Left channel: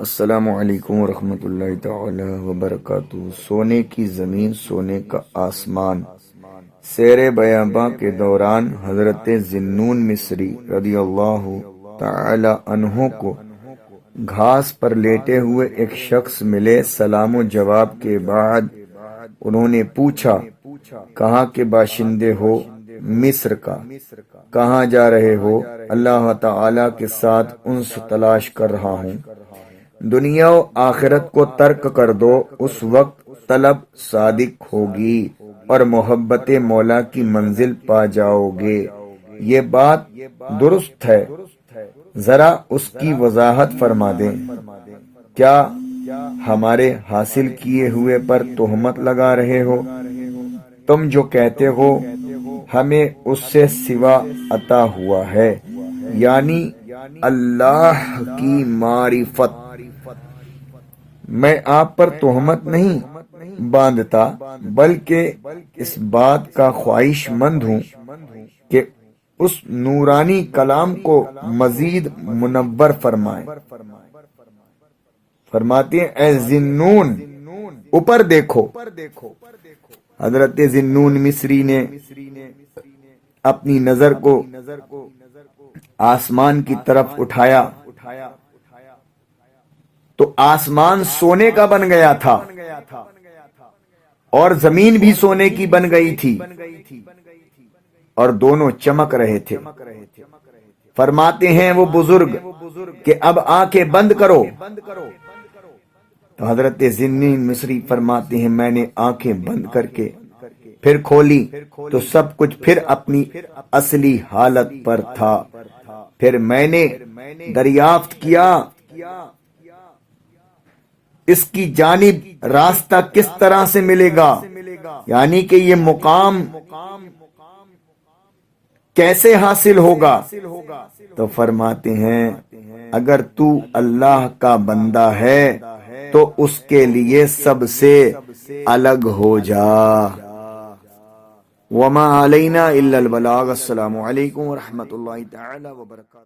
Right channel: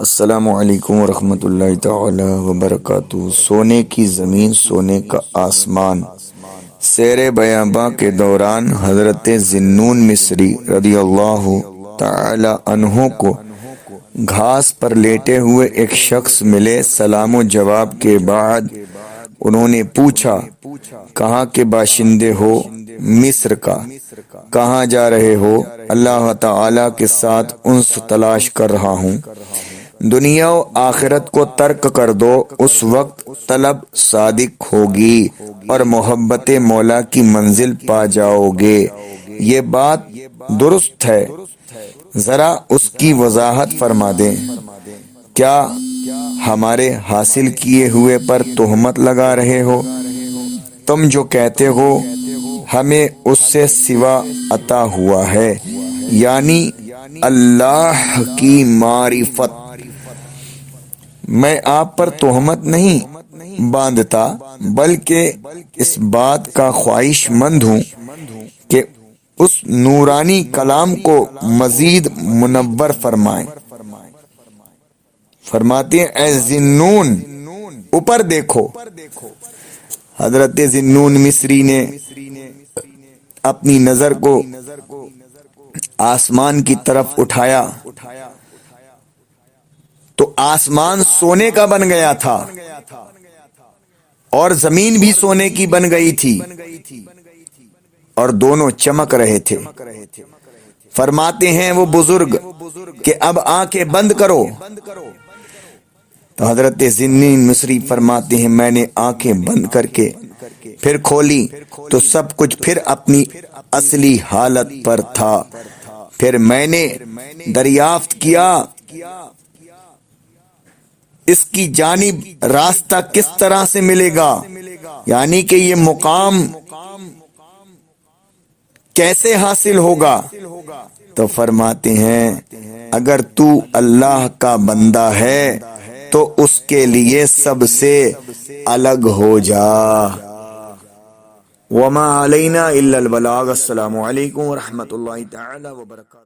السلام علیکم ورحمۃ اللہ تعالی وبرکاتہ۔ سونے کی زمین، سونے کا آسمان۔ سیر بیاباں کے دوران حضرت ذو-النون مصری رضی اللہ تعالی عنہ کو گھاس پر لیٹے ہوئے ایک شخص ملے۔ سلام و جواب کے بعد انہوں نے پوچھا، کہاں کے باشندے ہو؟ مصر کا۔ کہاں جا رہے ہو؟ اللہ تعالی کے ساتھ انس تلاش کر رہا ہوں۔ دنیا و آخرت کو ترک کر دو، اس وقت طلب صادق ہوگی اور محبت مولا کی منزل پا جاؤ گے۔ یہ بات درست ہے، ذرا اس کی وضاحت فرما دیں۔ کیا ہمارے حاصل کیے ہوئے پر تہمت لگا رہے ہو؟ تم جو کہتے ہو ہمیں اس سے سوا عطا ہوا ہے، یعنی اللہ کی معرفت۔ میں آپ پر تہمت نہیں باندھتا، بلکہ اس بات کا خواہش مند ہوں کہ اس نورانی کلام کو مزید منور فرمائیں۔ فرماتے ہیں، اے ذو-النون، اوپر دیکھو۔ حضرت ذو-النون مصری نے اپنی نظر کو آسمان کی طرف اٹھایا تو آسمان سونے کا بن گیا تھا اور زمین بھی سونے کی بن گئی تھی اور دونوں چمک رہے تھے۔ فرماتے ہیں وہ بزرگ کہ اب آنکھیں بند کرو۔ تو حضرت ذو-النون مصری فرماتے ہیں، میں نے آنکھیں بند کر کے پھر کھولی تو سب کچھ پھر اپنی اصلی حالت پر تھا۔ پھر میں نے دریافت کیا اس کی جانب راستہ کس طرح سے ملے گا، یعنی کہ یہ مقام کیسے حاصل ہوگا؟ تو فرماتے ہیں، اگر تو اللہ کا بندہ ہے تو اس کے لیے سب سے الگ ہو جا۔ وما علینا الا البلاغ۔ السلام علیکم ورحمۃ اللہ تعالی وبرکاتہ۔